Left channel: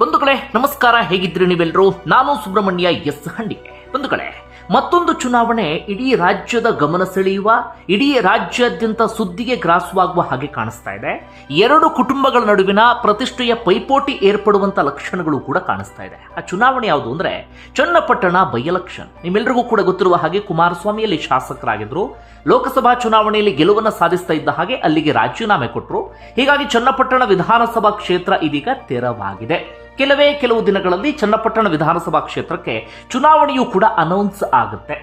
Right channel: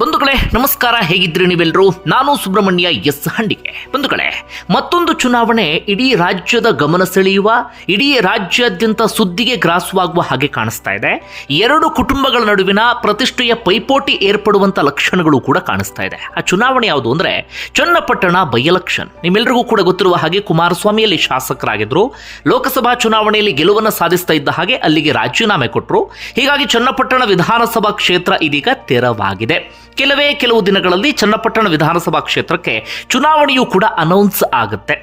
ಬಂಧುಗಳೇ, ನಮಸ್ಕಾರ ಹೇಗಿದ್ರಿ ನೀವೆಲ್ಲರೂ ನಾನು ಸುಬ್ರಹ್ಮಣ್ಯ ಎಸ್ ಹಂಡಿಗೆ ಬಂಧುಗಳೇ, ಮತ್ತೊಂದು ಚುನಾವಣೆ ಇಡೀ ರಾಜ್ಯದ ಗಮನ ಸೆಳೆಯುವ, ಇಡೀ ರಾಜ್ಯಾದ್ಯಂತ ಸುದ್ದಿಗೆ ಗ್ರಾಸವಾಗುವ ಹಾಗೆ ಕಾಣಿಸ್ತಾ ಇದೆ. ಎರಡು ಕುಟುಂಬಗಳ ನಡುವಿನ ಪ್ರತಿಷ್ಠೆಯ ಪೈಪೋಟಿ ಏರ್ಪಡುವಂತ ಲಕ್ಷಣಗಳು ಕೂಡ ಕಾಣಿಸ್ತಾ ಇದೆ. ಆ ಚುನಾವಣೆ ಯಾವುದು ಅಂದ್ರೆ, ಚನ್ನಪಟ್ಟಣ ಬೈ ಎಲೆಕ್ಷನ್. ನಿಮ್ಮೆಲ್ಲರಿಗೂ ಕೂಡ ಗೊತ್ತಿರುವ ಹಾಗೆ ಕುಮಾರಸ್ವಾಮಿಯಲ್ಲಿ ಶಾಸಕರಾಗಿದ್ರು. ಲೋಕಸಭಾ ಚುನಾವಣೆಯಲ್ಲಿ ಗೆಲುವನ್ನು ಸಾಧಿಸ್ತಾ ಇದ್ದ ಹಾಗೆ ಅಲ್ಲಿಗೆ ರಾಜೀನಾಮೆ ಕೊಟ್ಟರು ಹೀಗಾಗಿ ಚನ್ನಪಟ್ಟಣ ವಿಧಾನಸಭಾ ಕ್ಷೇತ್ರ ಇದೀಗ ತೆರವಾಗಿದೆ. ಕೆಲವೇ ಕೆಲವು ದಿನಗಳಲ್ಲಿ ಚನ್ನಪಟ್ಟಣ ವಿಧಾನಸಭಾ ಕ್ಷೇತ್ರಕ್ಕೆ ಚುನಾವಣೆಯೂ ಕೂಡ ಅನೌನ್ಸ್ ಆಗುತ್ತೆ.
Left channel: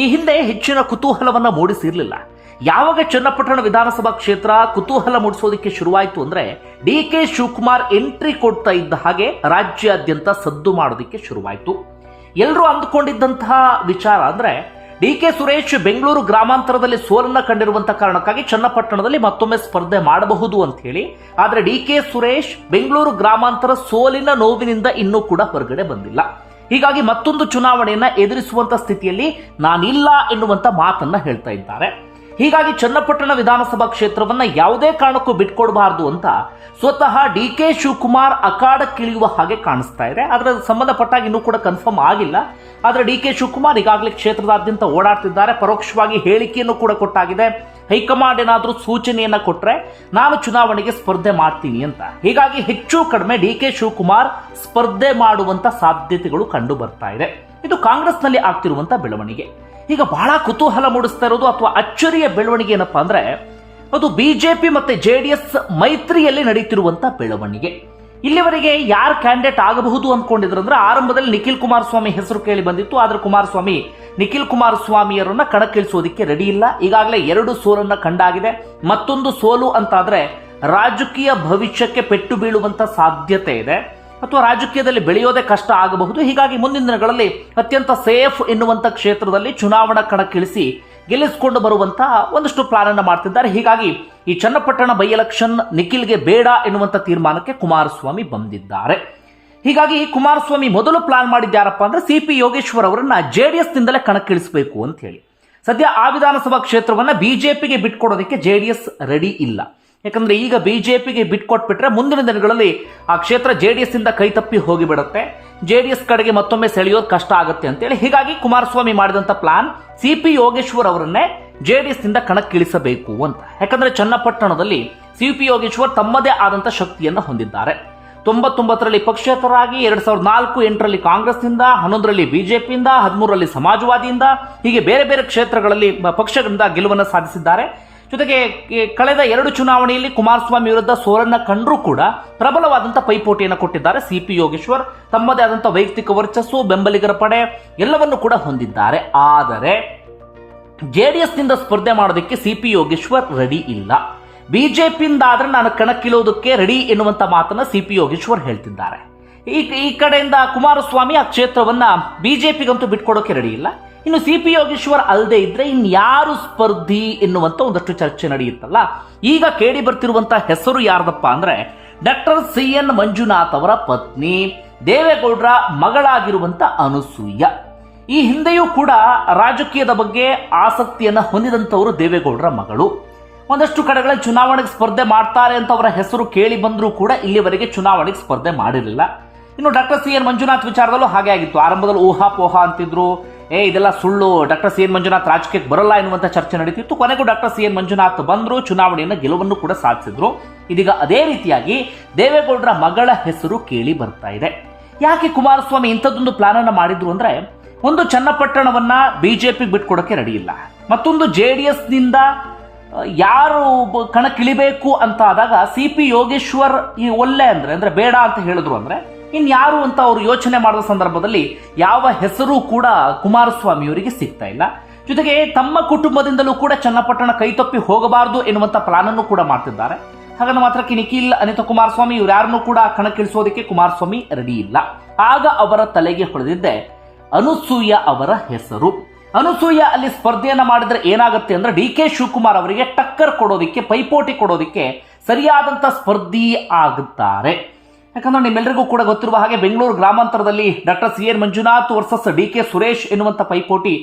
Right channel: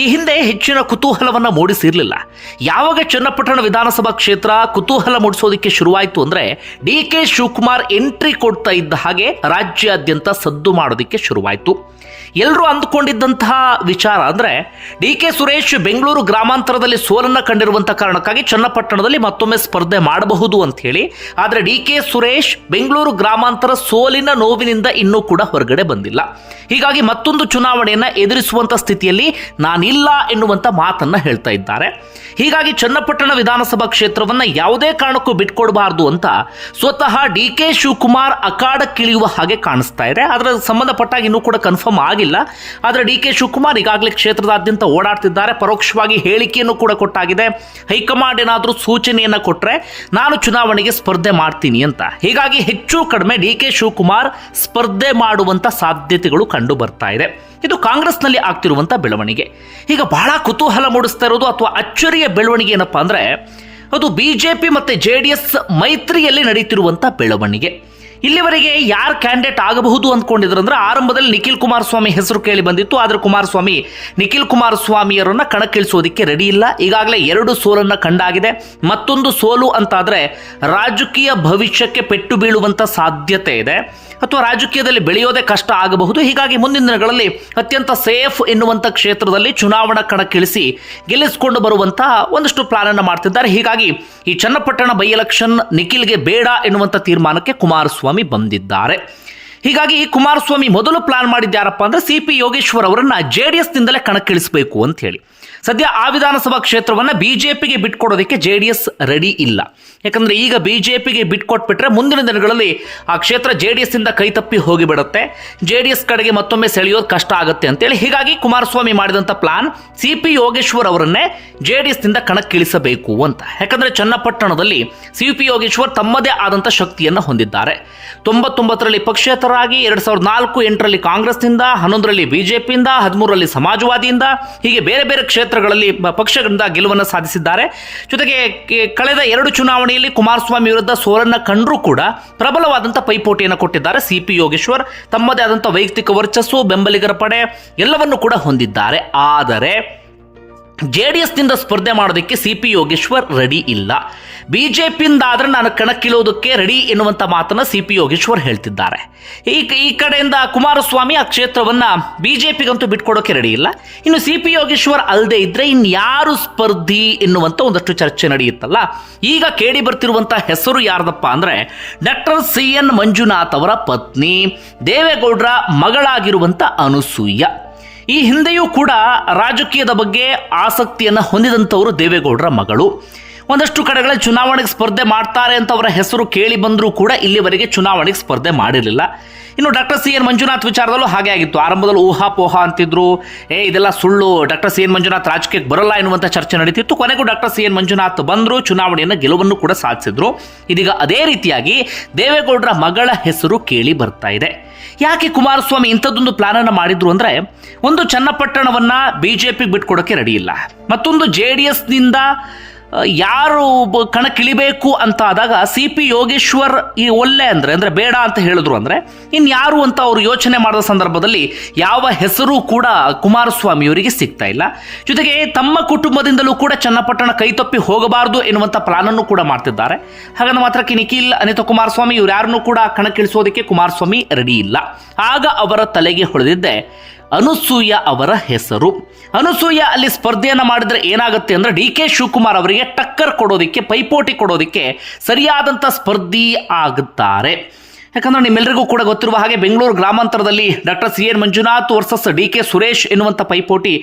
ಈ ಹಿಂದೆ ಹೆಚ್ಚಿನ ಕುತೂಹಲವನ್ನು ಮೂಡಿಸಿರಲಿಲ್ಲ. ಯಾವಾಗ ಚನ್ನಪಟ್ಟಣ ವಿಧಾನಸಭಾ ಕ್ಷೇತ್ರ ಕುತೂಹಲ ಮೂಡಿಸೋದಕ್ಕೆ ಶುರುವಾಯಿತು ಅಂದರೆ ಡಿ ಕೆ ಶಿವಕುಮಾರ್ ಎಂಟ್ರಿ ಕೊಡ್ತಾ ಇದ್ದ ಹಾಗೆ ರಾಜ್ಯಾದ್ಯಂತ ಸದ್ದು ಮಾಡೋದಕ್ಕೆ ಶುರುವಾಯಿತು. ಎಲ್ಲರೂ ಅಂದುಕೊಂಡಿದ್ದಂತಹ ವಿಚಾರ ಅಂದ್ರೆ ಡಿ ಕೆ ಸುರೇಶ್ ಬೆಂಗಳೂರು ಗ್ರಾಮಾಂತರದಲ್ಲಿ ಸೋಲನ್ನು ಕಂಡಿರುವಂಥ ಕಾರಣಕ್ಕಾಗಿ ಚನ್ನಪಟ್ಟಣದಲ್ಲಿ ಮತ್ತೊಮ್ಮೆ ಸ್ಪರ್ಧೆ ಮಾಡಬಹುದು ಅಂತ ಹೇಳಿ, ಆದರೆ ಡಿ ಕೆ ಸುರೇಶ್ ಬೆಂಗಳೂರು ಗ್ರಾಮಾಂತರ ಸೋಲಿನ ನೋವಿನಿಂದ ಇನ್ನೂ ಕೂಡ ಹೊರಗಡೆ ಬಂದಿಲ್ಲ. ಹೀಗಾಗಿ ಮತ್ತೊಂದು ಚುನಾವಣೆಯನ್ನು ಎದುರಿಸುವಂಥ ಸ್ಥಿತಿಯಲ್ಲಿ ನಾನಿಲ್ಲ ಎನ್ನುವಂಥ ಮಾತನ್ನು ಹೇಳ್ತಾ ಇದ್ದಾರೆ. ಹೀಗಾಗಿ ಚನ್ನಪಟ್ಟಣ ವಿಧಾನಸಭಾ ಕ್ಷೇತ್ರವನ್ನು ಯಾವುದೇ ಕಾರಣಕ್ಕೂ ಬಿಟ್ಕೊಡಬಾರ್ದು ಅಂತ ಸ್ವತಃ ಡಿ ಕೆ ಶಿವಕುಮಾರ್ ಅಖಾಡಕ್ಕಿಳಿಯುವ ಹಾಗೆ ಕಾಣಿಸ್ತಾ ಇದೆ. ಅದರ ಸಂಬಂಧಪಟ್ಟಾಗಿ ಇನ್ನೂ ಕೂಡ ಕನ್ಫರ್ಮ್ ಆಗಿಲ್ಲ. ಆದರೆ ಡಿ ಕೆ ಶಿವಕುಮಾರ್ ಈಗಾಗಲೇ ಕ್ಷೇತ್ರದಾದ್ಯಂತ ಓಡಾಡ್ತಿದ್ದಾರೆ. ಪರೋಕ್ಷವಾಗಿ ಹೇಳಿಕೆಯನ್ನು ಕೂಡ ಕೊಟ್ಟಾಗಿದೆ. ಹೈಕಮಾಂಡ್ ಏನಾದರೂ ಸೂಚನೆಯನ್ನು ಕೊಟ್ಟರೆ ನಾನು ಚುನಾವಣೆಗೆ ಸ್ಪರ್ಧೆ ಮಾಡ್ತೀನಿ ಅಂತ. ಹೀಗಾಗಿ ಹೆಚ್ಚು ಕಡಿಮೆ ಡಿ ಕೆ ಶಿವಕುಮಾರ್ ಸ್ಪರ್ಧೆ ಮಾಡುವಂಥ ಸಾಧ್ಯತೆಗಳು ಕಂಡು ಬರ್ತಾ ಇದೆ. ಇದು ಕಾಂಗ್ರೆಸ್ನಲ್ಲಿ ಆಗ್ತಿರುವಂಥ ಬೆಳವಣಿಗೆ. ಈಗ ಬಹಳ ಕುತೂಹಲ ಮೂಡಿಸ್ತಾ ಇರೋದು ಅಥವಾ ಅಚ್ಚರಿಯ ಬೆಳವಣಿಗೆ ಏನಪ್ಪಾ ಅಂದರೆ, ಅದು ಬಿ ಜೆ ಪಿ ಮತ್ತು ಜೆ ಡಿ ಎಸ್ ಮೈತ್ರಿಯಲ್ಲಿ ನಡೀತಿರುವಂಥ ಬೆಳವಣಿಗೆ. ಇಲ್ಲಿವರೆಗೆ ಯಾರು ಕ್ಯಾಂಡಿಡೇಟ್ ಆಗಬಹುದು ಅಂದ್ಕೊಂಡಿದ್ರಂದ್ರೆ ಆರಂಭದಲ್ಲಿ ನಿಖಿಲ್ ಕುಮಾರಸ್ವಾಮಿ ಹೆಸರು ಕೇಳಿ ಬಂದಿತ್ತು. ಆದರೆ ಕುಮಾರಸ್ವಾಮಿ, ನಿಖಿಲ್ ಕುಮಾರಸ್ವಾಮಿಯವರನ್ನು ಕಣಕ್ಕಿಳಿಸೋದಕ್ಕೆ ರೆಡಿ ಇಲ್ಲ. ಈಗಾಗಲೇ ಎರಡು ಸೋಲನ್ನು ಕಂಡಾಗಿದೆ. ಮತ್ತೊಂದು ಸೋಲು ಅಂತಾದರೆ ರಾಜಕೀಯ ಭವಿಷ್ಯಕ್ಕೆ ಪೆಟ್ಟು ಬೀಳುವಂಥ ಸಾಧ್ಯತೆ ಇದೆ. ಅಥವಾ ರಾಜಕೀಯದಲ್ಲಿ ಬೆಳೆಯೋದೇ ಕಷ್ಟ ಆಗಬಹುದು. ಹೀಗಾಗಿ ಮುಂದಿನ ದಿನಗಳಲ್ಲಿ ಅತ್ಯಂತ ಸೇಫ್ ಎನ್ನುವಂಥ ಕ್ಷೇತ್ರದಲ್ಲಿ ಚುನಾವಣಾ ಕಣಕ್ಕಿಳಿಸಿ ಗೆಲ್ಲಿಸಿಕೊಂಡು ಬರುವಂತಹ ಒಂದಷ್ಟು ಪ್ಲಾನ್ ಅನ್ನು ಮಾಡ್ತಿದ್ದಾರೆ. ಹೀಗಾಗಿ ಈ ಚನ್ನಪಟ್ಟಣ ಬೈ ಎಲೆಕ್ಷನ್ ನಿಖಿಲ್ಗೆ ಬೇಡ ಎನ್ನುವಂಥ ತೀರ್ಮಾನಕ್ಕೆ ಕುಮಾರಸ್ವಾಮಿ ಬಂದಿದ್ದಾರೆ. ಹೀಗಾಗಿ ಕುಮಾರಸ್ವಾಮಿ ಮೊದಲು ಪ್ಲಾನ್ ಮಾಡಿದ್ದಾರಪ್ಪ ಅಂದ್ರೆ ಸಿ ಪಿ ಯೋಗೇಶ್ವರ್ ಅವರನ್ನು ಜೆ ಡಿ ಎಸ್ನಿಂದಲೇ ಕಣಕ್ಕಿಳಿಸಬೇಕು ಅಂತ ಹೇಳಿ. ಸದ್ಯ ಆ ವಿಧಾನಸಭಾ ಕ್ಷೇತ್ರವನ್ನು ಬಿಜೆಪಿಗೆ ಬಿಟ್ಕೊಡೋದಕ್ಕೆ ಜೆ ಡಿ ಎಸ್ ರೆಡಿ ಇಲ್ಲ. ಯಾಕಂದ್ರೆ ಈಗ ಬಿಜೆಪಿಗೆ ಬಿಟ್ಕೊಟ್ಬಿಟ್ರೆ ಮುಂದಿನ ದಿನಗಳಲ್ಲಿ ಆ ಕ್ಷೇತ್ರ ಜೆ ಡಿ ಎಸ್ ಇಂದ ಕೈ ತಪ್ಪಿ ಹೋಗಿಬಿಡುತ್ತೆ. ಜೆ ಡಿ ಎಸ್ ಕಡೆಗೆ ಮತ್ತೊಮ್ಮೆ ಸೆಳೆಯೋದು ಕಷ್ಟ ಆಗುತ್ತೆ ಅಂತೇಳಿ ಹೀಗಾಗಿ ಕುಮಾರಸ್ವಾಮಿ ಮಾಡಿದಂಥ ಪ್ಲಾನ್ ಸಿ ಪಿ ಯೋಗೇಶ್ವರ್ ಅವರನ್ನೇ ಜೆ ಡಿ ಎಸ್ನಿಂದ ಕಣಕ್ಕಿಳಿಸಬೇಕು ಅಂತ. ಯಾಕಂದ್ರೆ ಚನ್ನಪಟ್ಟಣದಲ್ಲಿ ಸಿ ಪಿ ಯೋಗೇಶ್ವರ್ ತಮ್ಮದೇ ಆದಂಥ ಶಕ್ತಿಯನ್ನು ಹೊಂದಿದ್ದಾರೆ. ತೊಂಬತ್ತೊಂಬತ್ತರಲ್ಲಿ ಪಕ್ಷೇತರರಾಗಿ ಎರಡು ಸಾವಿರದ ನಾಲ್ಕು ಎಂಟರಲ್ಲಿ ಕಾಂಗ್ರೆಸ್ನಿಂದ, ಹನ್ನೊಂದರಲ್ಲಿ ಬಿಜೆಪಿಯಿಂದ, ಹದಿಮೂರರಲ್ಲಿ ಸಮಾಜವಾದಿಯಿಂದ, ಹೀಗೆ ಬೇರೆ ಬೇರೆ ಕ್ಷೇತ್ರಗಳಲ್ಲಿ ಪಕ್ಷಗಳಿಂದ ಗೆಲುವನ್ನು ಸಾಧಿಸಿದ್ದಾರೆ. ಜೊತೆಗೆ ಕಳೆದ ಎರಡು ಚುನಾವಣೆಯಲ್ಲಿ ಕುಮಾರಸ್ವಾಮಿ ವಿರುದ್ಧ ಸೋಲನ್ನ ಕಂಡರೂ ಕೂಡ ಪ್ರಬಲವಾದಂಥ ಪೈಪೋಟಿಯನ್ನು ಕೊಟ್ಟಿದ್ದಾರೆ ಸಿ ಪಿ ಯೋಗೇಶ್ವರ್. ತಮ್ಮದೇ ಆದಂಥ ವೈಯಕ್ತಿಕ ವರ್ಚಸ್ಸು, ಬೆಂಬಲಿಗರ ಪಡೆ ಎಲ್ಲವನ್ನು ಕೂಡ ಹೊಂದಿದ್ದಾರೆ. ಆದರೆ ಜೆ ಡಿ ಎಸ್ನಿಂದ ಸ್ಪರ್ಧೆ ಮಾಡೋದಕ್ಕೆ ಸಿ ಪಿ ಯೋಗೇಶ್ವರ್ ರೆಡಿ ಇಲ್ಲ. ಬಿ ಜೆ ಪಿಯಿಂದ ಆದರೆ ನಾನು ಕಣಕ್ಕಿಳೋದಕ್ಕೆ ರೆಡಿ ಎನ್ನುವಂಥ ಮಾತನ್ನು ಸಿ ಪಿ ಯೋಗೇಶ್ವರ್ ಹೇಳ್ತಿದ್ದಾರೆ. ಈ ಈ ಕಡೆಯಿಂದ ಕುಮಾರಸ್ವಾಮಿ ಆ ಕ್ಷೇತ್ರವನ್ನು ಬಿ ಜೆ ಪಿಗಂತೂ ಬಿಟ್ಕೊಡೋಕೆ ರೆಡಿ ಇಲ್ಲ. ಇನ್ನು ಸಿ ಪಿ ಯೋಗೇಶ್ವರ್ ಅಲ್ಲದೆ ಇದ್ದರೆ ಇನ್ಯಾರು ಸ್ಪರ್ಧಿ ಎನ್ನುವಂಥ ಒಂದಷ್ಟು ಚರ್ಚೆ ನಡೆಯುತ್ತಲ್ಲ. ಈಗ ಕೇಳಿ ಬರ್ತಿರುವಂಥ ಹೆಸರು ಯಾರ್ದಪ್ಪ ಅಂದರೆ ಡಾಕ್ಟರ್ ಸಿ ಎನ್ ಮಂಜುನಾಥ್ ಅವರ ಪತ್ನಿ ದೇವೇಗೌಡರ ಮಗಳಾಗಿರುವಂಥ ಅನುಸೂಯ. ಈ ಹಿಂದೆಯೂ ಕೂಡ ರಾಜಕೀಯದ ಬಗ್ಗೆ ಆಸಕ್ತಿಯನ್ನು ಹೊಂದಿದಂಥವರು ದೇವೇಗೌಡರ ಮಗಳು. ಒಂದಷ್ಟು ಕಡೆಗಳಲ್ಲಿ ಚುನಾವಣೆಗೆ ಸ್ಪರ್ಧೆ ಮಾಡ್ತಾರೆ ಅಂತ ಅವರ ಹೆಸರು ಕೇಳಿ ಬಂದರೂ ಕೂಡ ಇಲ್ಲಿವರೆಗೆ ಚುನಾವಣೆಗೆ ಸ್ಪರ್ಧೆ ಮಾಡಿರಲಿಲ್ಲ. ಇನ್ನು ಡಾಕ್ಟರ್ ಸಿ ಎನ್ ಮಂಜುನಾಥ್ ವಿಚಾರದಲ್ಲೂ ಹಾಗೆ ಆಗಿತ್ತು. ಆರಂಭದಲ್ಲಿ ಊಹಾಪೋಹ ಅಂತಿದ್ರು. ಏ, ಇದೆಲ್ಲ ಸುಳ್ಳು. ಡಾಕ್ಟರ್ ಸಿ ಎನ್ ಮಂಜುನಾಥ್ ರಾಜಕೀಯಕ್ಕೆ ಬರಲ್ಲ ಎನ್ನುವಂಥ ಚರ್ಚೆ ನಡೀತಿತ್ತು. ಕೊನೆಗೂ ಡಾಕ್ಟರ್ ಸಿ ಎನ್ ಮಂಜುನಾಥ್ ಬಂದರು, ಚುನಾವಣೆಯನ್ನು ಗೆಲುವನ್ನು ಕೂಡ ಸಾಧಿಸಿದ್ರು. ಇದೀಗ ಅದೇ ರೀತಿಯಾಗಿ ದೇವೇಗೌಡರ ಮಗಳ ಹೆಸರು ಕೇಳಿ ಬರ್ತಾ ಇದೆ. ಯಾಕೆ ಕುಮಾರಸ್ವಾಮಿ ಇಂಥದ್ದೊಂದು ಪ್ಲಾನ್ ಅನ್ನು ಮಾಡಿದ್ರು ಅಂದರೆ, ಒಂದು ಚನ್ನಪಟ್ಟಣವನ್ನ ಬಿಜೆಪಿಗೆ ಬಿಟ್ಕೊಡೋಕ್ಕೆ ರೆಡಿ ಇಲ್ಲ. ಮತ್ತೊಂದು ಜೆ ಡಿ ಎಸ್ನಿಂದ ಯಾರು ಕಣಕ್ಕಿಳಿಬೇಕು ಅಂತ ಆದಾಗ ಸಿ ಪಿ ಯೋಗೇಶ್ವರ್ ಈ ಒಳ್ಳೆ ಅಂದರೆ ಅಂದರೆ ಬೇಡ ಅಂತ ಹೇಳಿದ್ರು ಅಂದರೆ ಇನ್ಯಾರು ಅಂತ ಅವರು ಯೋಚನೆ ಮಾಡಿದ ಸಂದರ್ಭದಲ್ಲಿ ಯಾವ ಹೆಸರು ಕೂಡ ಕುಮಾರಸ್ವಾಮಿಯವರಿಗೆ ಸಿಗ್ತಾ ಇಲ್ಲ. ಜೊತೆಗೆ ತಮ್ಮ ಕುಟುಂಬದಿಂದಲೂ ಕೂಡ ಚನ್ನಪಟ್ಟಣ ಕೈತಪ್ಪಿ ಹೋಗಬಾರದು ಎನ್ನುವಂಥ ಪ್ಲಾನನ್ನು ಕೂಡ ಮಾಡ್ತಿದ್ದಾರೆ. ಹಾಗಂದ ಮಾತ್ರಕ್ಕೆ ನಿಖಿಲ್, ಅನಿತಾ ಕುಮಾರಸ್ವಾಮಿ ಇವ್ರು ಯಾರನ್ನೂ ಕೂಡ ಕಣಕ್ಕಿಳಿಸೋದಕ್ಕೆ ಕುಮಾರಸ್ವಾಮಿ ರೆಡಿ ಇಲ್ಲ. ಆಗ ಅವರ ತಲೆಗೆ ಹೊಳೆದಿದ್ದೆ ಅನುಸೂಯ ಅವರ ಹೆಸರು. ಅನುಸೂಯ ಅಲ್ಲಿ ಸ್ಪರ್ಧೆಯನ್ನು ಮಾಡಿದ್ರೆ ಏನಾಗುತ್ತೆ ಅಂದರೆ ಡಿ ಕೆ ಶಿವಕುಮಾರ್ ಅವರಿಗೆ ಟಕ್ಕರ್ ಕೊಡೋದಕ್ಕೆ, ಪೈಪೋಟಿ ಕೊಡೋದಕ್ಕೆ ಸರಿಯಾದಂಥ ಸ್ಪರ್ಧಿ ಆಗುತ್ತಾರೆ ಯಾಕಂದ್ರೆ ನಿಮ್ಮೆಲ್ಲರಿಗೂ ಕೂಡ ಗೊತ್ತಿರುವ ಹಾಗೆ Bengaluru ಗ್ರಾಮಾಂತರದಲ್ಲಿ doctor C N Manjunath versus D K Suresh ಎನ್ನುವಂಥ ಪೈಪೋಟಿ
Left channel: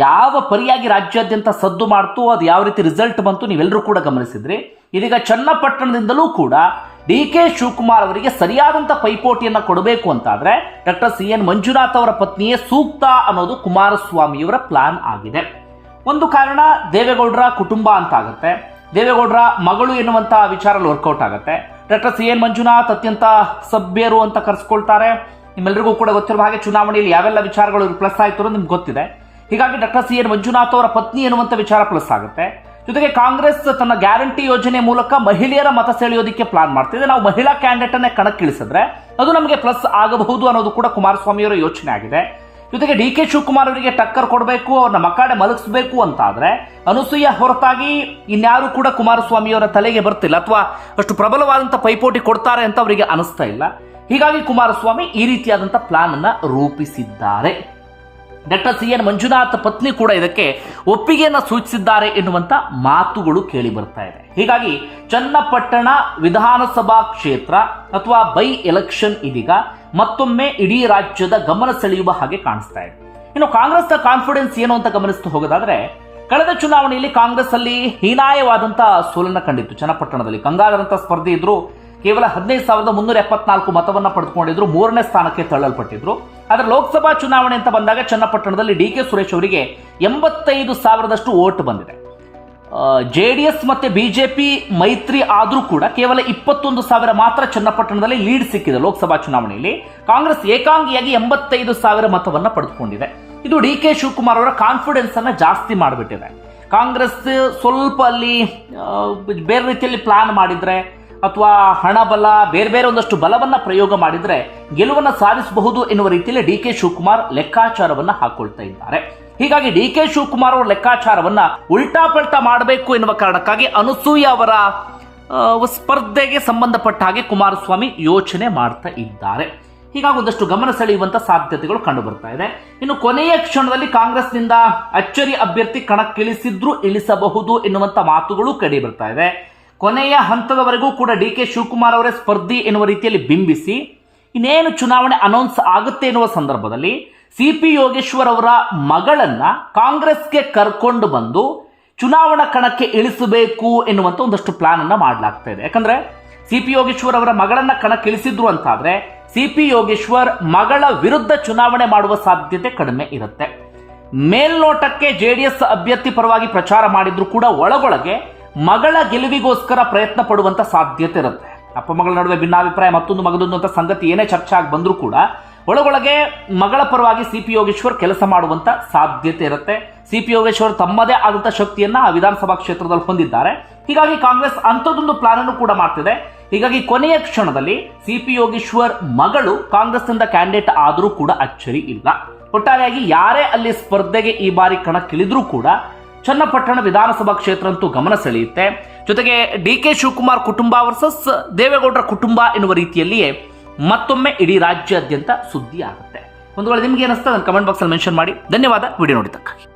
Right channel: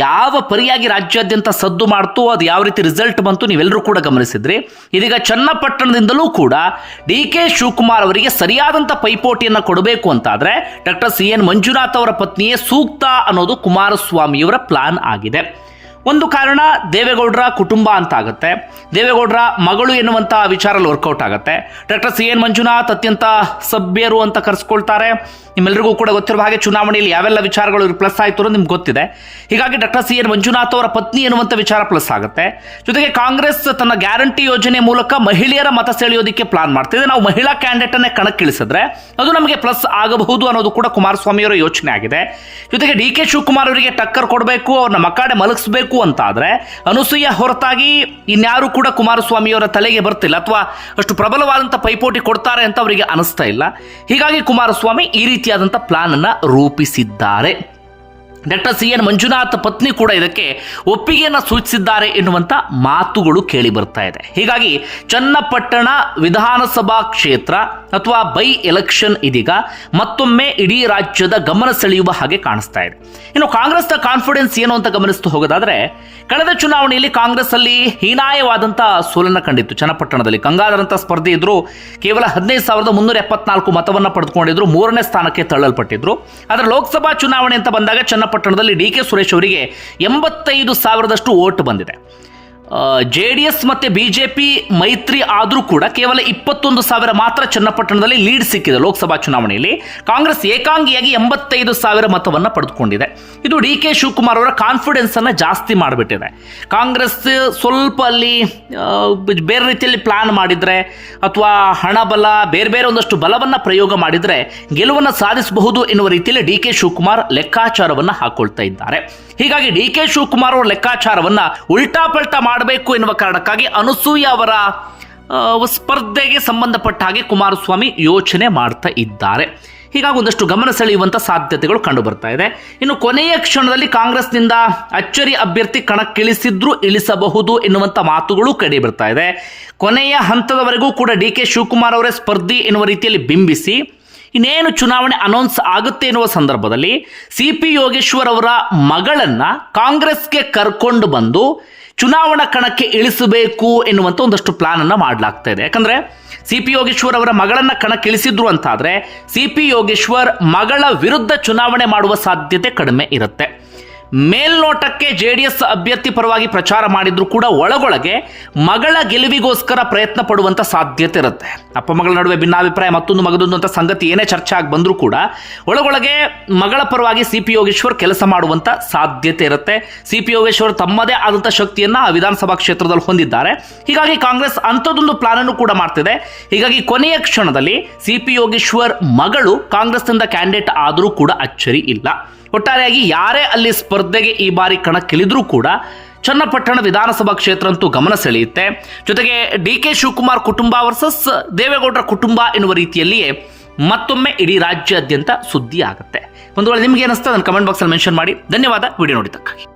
ಯಾವ ಪರಿಯಾಗಿ ರಾಜ್ಯಾದ್ಯಂತ ಸದ್ದು ಮಾಡ್ತು ಅದು ಯಾವ ರೀತಿ ರಿಸಲ್ಟ್ ಬಂತು ನೀವೆಲ್ಲರೂ ಕೂಡ ಗಮನಿಸಿದ್ರಿ. ಇದೀಗ ಚನ್ನಪಟ್ಟಣದಿಂದಲೂ ಕೂಡ ಡಿ ಕೆ ಶಿವಕುಮಾರ್ ಅವರಿಗೆ ಸರಿಯಾದಂಥ ಪೈಪೋಟಿಯನ್ನು ಕೊಡಬೇಕು ಅಂತಾದರೆ ಡಾಕ್ಟರ್ ಸಿ ಎನ್ ಮಂಜುನಾಥ್ ಅವರ ಪತ್ನಿಯೇ ಸೂಕ್ತ ಅನ್ನೋದು ಕುಮಾರಸ್ವಾಮಿಯವರ ಪ್ಲಾನ್ ಆಗಿದೆ. ಒಂದು ಕಾರಣ ದೇವೇಗೌಡರ ಕುಟುಂಬ ಅಂತ ಆಗುತ್ತೆ ದೇವೇಗೌಡರ ಮಗಳು ಎನ್ನುವಂಥ ವಿಚಾರಲ್ಲಿ ವರ್ಕೌಟ್ ಆಗುತ್ತೆ. ಡಾಕ್ಟರ್ ಸಿ ಎನ್ ಮಂಜುನಾಥ್ ಅತ್ಯಂತ ಸಭ್ಯರು ಅಂತ ಕರೆಸ್ಕೊಳ್ತಾರೆ. ನಿಮ್ಮೆಲ್ಲರಿಗೂ ಕೂಡ ಗೊತ್ತಿರುವ ಹಾಗೆ ಚುನಾವಣೆಯಲ್ಲಿ ಯಾವೆಲ್ಲ ವಿಚಾರಗಳು ಪ್ಲಸ್ ಆಯಿತು ಅನ್ನೋದು ನಿಮ್ಗೆ ಗೊತ್ತಿದೆ. ಹೀಗಾಗಿ ಡಾಕ್ಟರ್ ಸಿ ಎನ್ ಮಂಜುನಾಥ್ ಅವರ ಪತ್ನಿ ಎನ್ನುವಂಥ ವಿಚಾರ ಪ್ಲಸ್ ಆಗುತ್ತೆ. ಜೊತೆಗೆ ಕಾಂಗ್ರೆಸ್ ತನ್ನ ಗ್ಯಾರಂಟಿ ಯೋಜನೆ ಮೂಲಕ ಮಹಿಳೆಯರ ಮತ ಸೆಳೆಯೋದಕ್ಕೆ ಪ್ಲಾನ್ ಮಾಡ್ತಿದೆ ನಾವು ಮಹಿಳಾ ಕ್ಯಾಂಡಿಡೇಟನ್ನೇ ಕಣಕ್ಕಿಳಿಸಿದ್ರೆ ಅದು ನಮಗೆ ಪ್ಲಸ್ ಆಗಬಹುದು ಅನ್ನೋದು ಕೂಡ ಕುಮಾರಸ್ವಾಮಿಯವರ ಯೋಚನೆ ಆಗಿದೆ. ಜೊತೆಗೆ ಡಿ ಕೆ ಶಿವಕುಮಾರ್ ಅವರಿಗೆ ಟಕ್ಕರ್ ಕೊಡಬೇಕು, ಅವ್ರನ್ನ ಮಕ್ಕಾಡೆ ಮಲಗಿಸ್ಬೇಕು ಅಂತ ಆದರೆ ಅನುಸೂಯ ಹೊರತಾಗಿ ಇನ್ಯಾರು ಕೂಡ ಕುಮಾರಸ್ವಾಮಿಯವರ ತಲೆಗೆ ಬರ್ತಿಲ್ಲ ಅಥವಾ ಅಷ್ಟು ಪ್ರಬಲವಾದಂಥ ಪೈಪೋಟಿ ಕೊಡ್ತಾರೆ ಅಂತ ಅವರಿಗೆ ಅನಿಸ್ತಾ ಇಲ್ಲ. ಹೀಗಾಗಿ ಕುಮಾರಸ್ವಾಮಿ ಈ ರೀತಿಯಾದಂಥ ಪ್ಲಾನನ್ನು ರೂಪಿಸಿದ್ದಾರೆ. ಡಾಕ್ಟರ್ ಸಿ ಎನ್ ಮಂಜುನಾಥ್ ಪತ್ನಿ ಕೂಡ ಇದಕ್ಕೆ ಒಪ್ಪಿಗೆಯನ್ನು ಸೂಚಿಸಿದ್ದಾರೆ ಎನ್ನುವಂಥ ಮಾತುಗಳು ಕೇಳಿ ಬರ್ತಾ ಇದೆ. ಹೀಗಾಗಿ ಚನ್ನಪಟ್ಟಣ ವಿಧಾನಸಭಾ ಕ್ಷೇತ್ರ ಅಥವಾ ಬೈ ಎಲೆಕ್ಷನ್ ಇದೀಗ ಮತ್ತೊಮ್ಮೆ ಇಡೀ ರಾಜ್ಯದ ಗಮನ ಸೆಳೆಯುವ ಹಾಗೆ ಕಾಣಿಸ್ತಾ ಇದೆ. ಇನ್ನು ಕಾಂಗ್ರೆಸ್ನ ಕಾನ್ಫಿಡೆನ್ಸ್ ಏನು ಅಂತ ಗಮನಿಸ್ತಾ ಹೋಗೋದಾದ್ರೆ, ಕಳೆದ ಚುನಾವಣೆಯಲ್ಲಿ ಕಾಂಗ್ರೆಸ್ ಅಲ್ಲಿ ಹೀನಾಯವಾದಂಥ ಸೋಲನ್ನು ಕಂಡಿತ್ತು. ಚನ್ನಪಟ್ಟಣದಲ್ಲಿ ಗಂಗಾಧರಂಥ ಸ್ಪರ್ಧೆ ಇದ್ರು, ಕೇವಲ ಹದಿನೈದು ಸಾವಿರದ ಮುನ್ನೂರ ಎಪ್ಪತ್ನಾಲ್ಕು ಮತವನ್ನು ಪಡೆದುಕೊಂಡಿದ್ರು, ಮೂರನೇ ಸ್ಥಾನಕ್ಕೆ ತಳ್ಳಲ್ಪಟ್ಟಿದ್ರು. ಆದರೆ ಲೋಕಸಭಾ ಚುನಾವಣೆ ಅಂತ ಬಂದಾಗ ಚನ್ನಪಟ್ಟಣದಲ್ಲಿ ಡಿ ಕೆ ಸುರೇಶ್ ಅವರಿಗೆ ಎಂಬತ್ತೈದು ಸಾವಿರದಷ್ಟು ಓಟ್ ಬಂದಿದೆ. ಜೆ ಡಿ ಎಸ್ ಮತ್ತು ಬಿ ಜೆ ಪಿ ಮೈತ್ರಿ ಆದರೂ ಕೂಡ ಕೇವಲ ಇಪ್ಪತ್ತೊಂದು ಸಾವಿರ ಮಾತ್ರ ಚನ್ನಪಟ್ಟಣದಲ್ಲಿ ಲೀಡ್ ಸಿಕ್ಕಿದೆ ಲೋಕಸಭಾ ಚುನಾವಣೆಯಲ್ಲಿ. ಕಾಂಗ್ರೆಸ್ ಏಕಾಂಗಿಯಾಗಿ ಎಂಬತ್ತೈದು ಸಾವಿರ ಮತವನ್ನು ಪಡೆದುಕೊಂಡಿದೆ. ಇದು ಡಿ ಕೆ ಶಿವಕುಮಾರ್ ಅವರ ಕಾನ್ಫಿಡೆನ್ಸ್ ಅನ್ನು ಜಾಸ್ತಿ ಮಾಡಿಬಿಟ್ಟಿದೆ. ಕಾಂಗ್ರೆಸ್ ಸ್ವಲ್ಪ ಅಲ್ಲಿ ಬೇರೆ ರೀತಿಯಲ್ಲಿ ಪ್ಲಾನ್ ಮಾಡಿದ್ರೆ ಅಥವಾ ಹಣ ಬಲ, ಬೇರೆ ಬೇರೆ ಒಂದಷ್ಟು ಬಲವನ್ನು ಪ್ರಯೋಗ ಮಾಡಿದ್ರೆ ಗೆಲುವನ್ನು ಸಾಧಿಸಬಹುದು ಎನ್ನುವ ರೀತಿಯಲ್ಲಿ ಡಿ ಕೆ ಶಿವಕುಮಾರ್ ಲೆಕ್ಕಾಚಾರವನ್ನು ಹಾಕ್ಕೊಳ್ತಾ ಇದ್ದಾರೆ. ಹೀಗಾಗಿ ಡಿ ಕೆ ಶಿವಕುಮಾರ್ ಅವರ ಲೆಕ್ಕಾಚಾರವನ್ನ ಉಲ್ಟಾ ಪಲ್ಟಾ ಮಾಡಬೇಕು ಎನ್ನುವ ಕಾರಣಕ್ಕಾಗಿ ಅನಸೂಯ ಅವರ ಸ್ಪರ್ಧೆಗೆ ಸಂಬಂಧಪಟ್ಟ ಹಾಗೆ ಕುಮಾರಸ್ವಾಮಿ ಯೋಚನೆ ಮಾಡ್ತಾ ಇದ್ದಾರೆ. ಹೀಗಾಗಿ ಒಂದಷ್ಟು ಗಮನ ಸೆಳೆಯುವಂಥ ಸಾಧ್ಯತೆಗಳು ಕಂಡು ಬರ್ತಾ ಇದೆ. ಇನ್ನು ಕೊನೆಯ ಕ್ಷಣದಲ್ಲಿ ಕಾಂಗ್ರೆಸ್ನಿಂದ ಅಚ್ಚರಿ ಅಭ್ಯರ್ಥಿ ಕಣಕ್ಕಿಳಿಸಿದ್ರು ಇಳಿಸಬಹುದು ಎನ್ನುವಂಥ ಮಾತುಗಳು ಕಡಿ ಬರ್ತಾ ಇದೆ. ಕೊನೆಯ ಹಂತದವರೆಗೂ ಕೂಡ ಡಿ ಕೆ ಶಿವಕುಮಾರ್ ಅವರೇ ಸ್ಪರ್ಧಿ ಎನ್ನುವ ರೀತಿಯಲ್ಲಿ ಬಿಂಬಿಸಿ ಇನ್ನೇನು ಚುನಾವಣೆ ಅನೌನ್ಸ್ ಆಗುತ್ತೆ ಎನ್ನುವ ಸಂದರ್ಭದಲ್ಲಿ ಸಿ ಪಿ ಯೋಗೇಶ್ವರ್ ಅವರ ಮಗಳನ್ನ ಕಾಂಗ್ರೆಸ್ಗೆ ಕರ್ಕೊಂಡು ಬಂದು ಚುನಾವಣಾ ಕಣಕ್ಕೆ ಇಳಿಸಬೇಕು ಎನ್ನುವಂಥ ಒಂದಷ್ಟು ಪ್ಲಾನ್ ಅನ್ನ ಮಾಡಲಾಗ್ತಾ ಇದೆ. ಯಾಕಂದ್ರೆ ಸಿ ಪಿ ಯೋಗೇಶ್ವರ್ ಅವರ ಮಗಳನ್ನ ಕಣಕ್ಕೆ ಇಳಿಸಿದ್ರು ಅಂತಾದ್ರೆ ಸಿ ಪಿ ಯೋಗೇಶ್ವರ್ ಮಗಳ ವಿರುದ್ಧ ಚುನಾವಣೆ ಮಾಡುವ ಸಾಧ್ಯತೆ ಕಡಿಮೆ ಇರುತ್ತೆ. ಮೇಲ್ನೋಟಕ್ಕೆ ಜೆ ಡಿ ಎಸ್ ಅಭ್ಯರ್ಥಿ ಪರವಾಗಿ ಪ್ರಚಾರ ಮಾಡಿದ್ರು ಕೂಡ ಒಳಗೊಳಗೆ ಮಗಳ ಗೆಲುವಿಗೋಸ್ಕರ ಪ್ರಯತ್ನ ಪಡುವಂಥ ಸಾಧ್ಯತೆ ಇರುತ್ತೆ. ಅಪ್ಪ ಮಗಳ ನಡುವೆ ಭಿನ್ನಾಭಿಪ್ರಾಯ, ಮತ್ತೊಂದು ಮಗದೊಂದು ಅಂತ ಸಂಗತಿ ಏನೇ ಚರ್ಚೆ ಆಗಿ ಬಂದರೂ ಕೂಡ ಒಳಗೊಳಗೆ ಮಗಳ ಪರವಾಗಿ ಸಿ ಪಿ ಯೋಗೇಶ್ವರ್ ಕೆಲಸ ಮಾಡುವಂತ ಸಾಧ್ಯತೆ ಇರುತ್ತೆ. ಸಿ ಪಿ ಯೋಗೇಶ್ವರ್ ತಮ್ಮದೇ ಆದಂಥ ಶಕ್ತಿಯನ್ನ ಆ ವಿಧಾನಸಭಾ ಕ್ಷೇತ್ರದಲ್ಲಿ ಹೊಂದಿದ್ದಾರೆ. ಹೀಗಾಗಿ ಕಾಂಗ್ರೆಸ್ ಅಂಥದ್ದೊಂದು ಪ್ಲಾನ್ ಅನ್ನು ಕೂಡ ಮಾಡ್ತಿದೆ. ಹೀಗಾಗಿ ಕೊನೆಯ ಕ್ಷಣದಲ್ಲಿ ಸಿ ಪಿ ಯೋಗೇಶ್ವರ್ ಮಗಳು ಕಾಂಗ್ರೆಸ್ನಿಂದ ಕ್ಯಾಂಡಿಡೇಟ್ ಆದರೂ ಕೂಡ ಅಚ್ಚರಿ ಇಲ್ಲ. ಒಟ್ಟಾರೆಯಾಗಿ ಯಾರೇ ಅಲ್ಲಿ ಸ್ಪರ್ಧೆಗೆ ಈ ಬಾರಿ ಕಣಕ್ಕಿಳಿದ್ರೂ ಕೂಡ ಚನ್ನಪಟ್ಟಣ ವಿಧಾನಸಭಾ ಕ್ಷೇತ್ರ ಅಂತೂ ಗಮನ ಸೆಳೆಯುತ್ತೆ. ಜೊತೆಗೆ ಡಿ ಕೆ ಶಿವಕುಮಾರ್ ಕುಟುಂಬ ವರ್ಸಸ್ ದೇವೇಗೌಡರ ಕುಟುಂಬ ಎನ್ನುವ ರೀತಿಯಲ್ಲಿಯೇ ಮತ್ತೊಮ್ಮೆ ಇಡೀ ರಾಜ್ಯಾದ್ಯಂತ ಸುದ್ದಿ ಆಗುತ್ತೆ ಒಂದು ವೇಳೆ ನಿಮ್ಗೆ ಏನಿಸ್ತಾ ನನ್ನ ಕಮೆಂಟ್ ಬಾಕ್ಸಲ್ಲಿ ಮೆನ್ಷನ್ ಮಾಡಿ. ಧನ್ಯವಾದ. ವಿಡಿಯೋ ನೋಡಿದ್ದಕ್ಕಾಗಿ.